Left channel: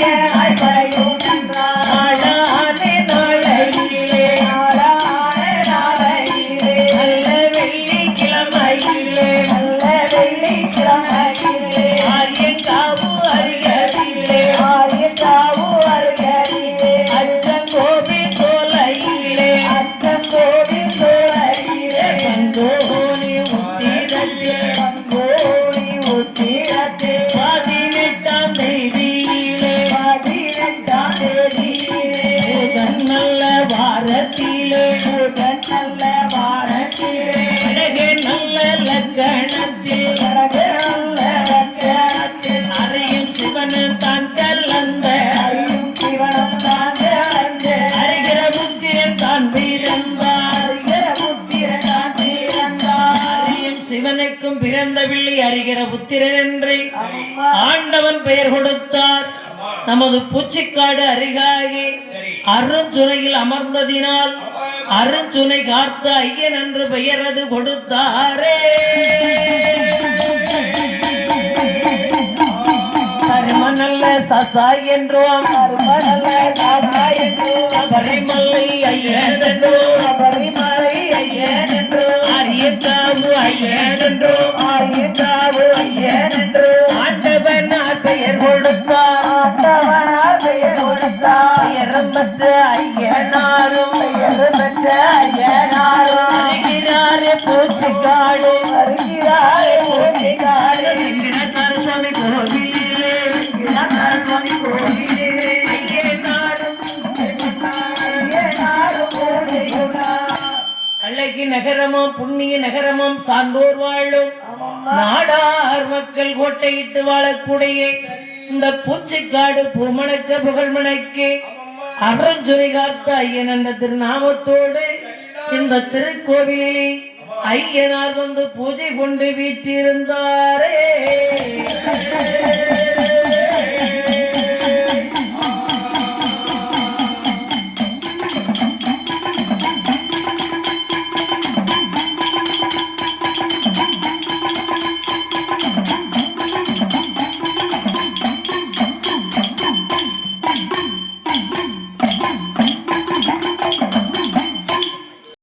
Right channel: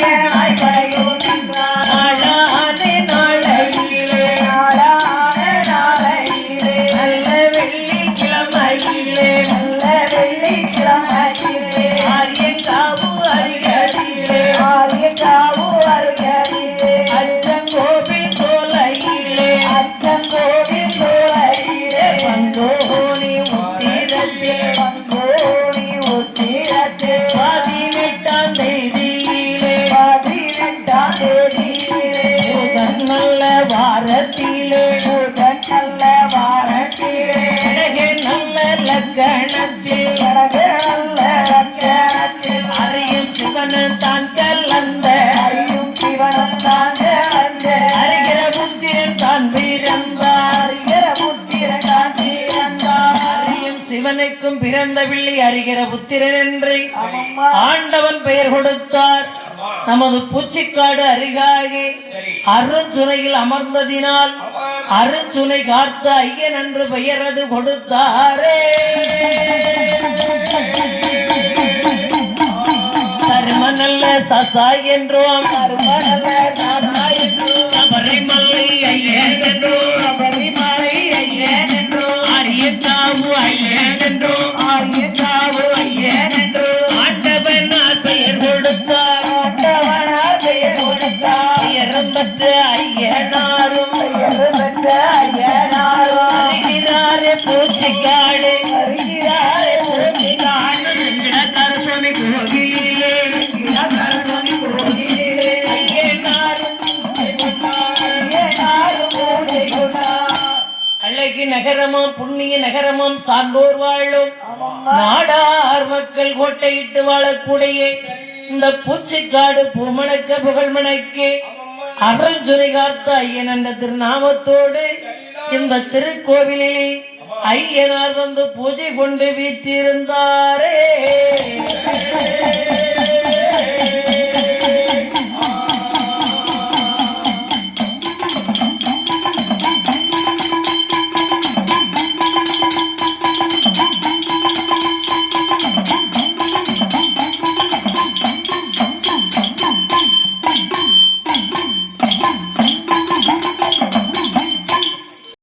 Yeah. வாரத்திலே புதன் நல்ல வாரத்திலே அழகே நல்ல லக்கணத்தில் அழகு நல்ல லக்கணத்தில் அறியும் சிவனன் தான் கலந்த. அறியும் சிவனும் தான் கலந்த. அறிகிற புத்திரன் தான் பிறந்தார். அறிகிற புத்திரன் தான் பிறந்தார். அறியும் சிவனுக்கும் பிறந்த பிள்ளை அறிகிற புத்திரன் என்று. ஆண்டவன் பெயர் கொடுத்தார். நமது பூச்சிக்காடு அருகாகி அருஞ்சுனையில் அமர்ந்ததினால் அருஞ்சுனை காத்த ஐயன் என்று பெயர் அது கொடுத்தாரே. தர்ம நல்ல சசா என்றோம் சபரிமலை ஐயன் என்றோம் சபரிமலை ஐயன் என்று அரியத்தாவு ஐயன் என்றோம் பெற்ற ஐயனாரும் பெற்ற அழகி நகரமும் புண்ணிய நகரமும் சான்றோர் வாழும். நாடார் மக்கள் கோட்டையிட்டு வாழக்கூடிய இந்த பூச்சிக்காடு பூமணக்க புகழ்மணக்கு. அருள்சுரை காத்த ஐயன் என்ற திருநாமத்தோடு இந்த திருக்கோவிலிலே ஐயனார் வந்து பூஜை கொண்டு வீற்றிருந்தாரே.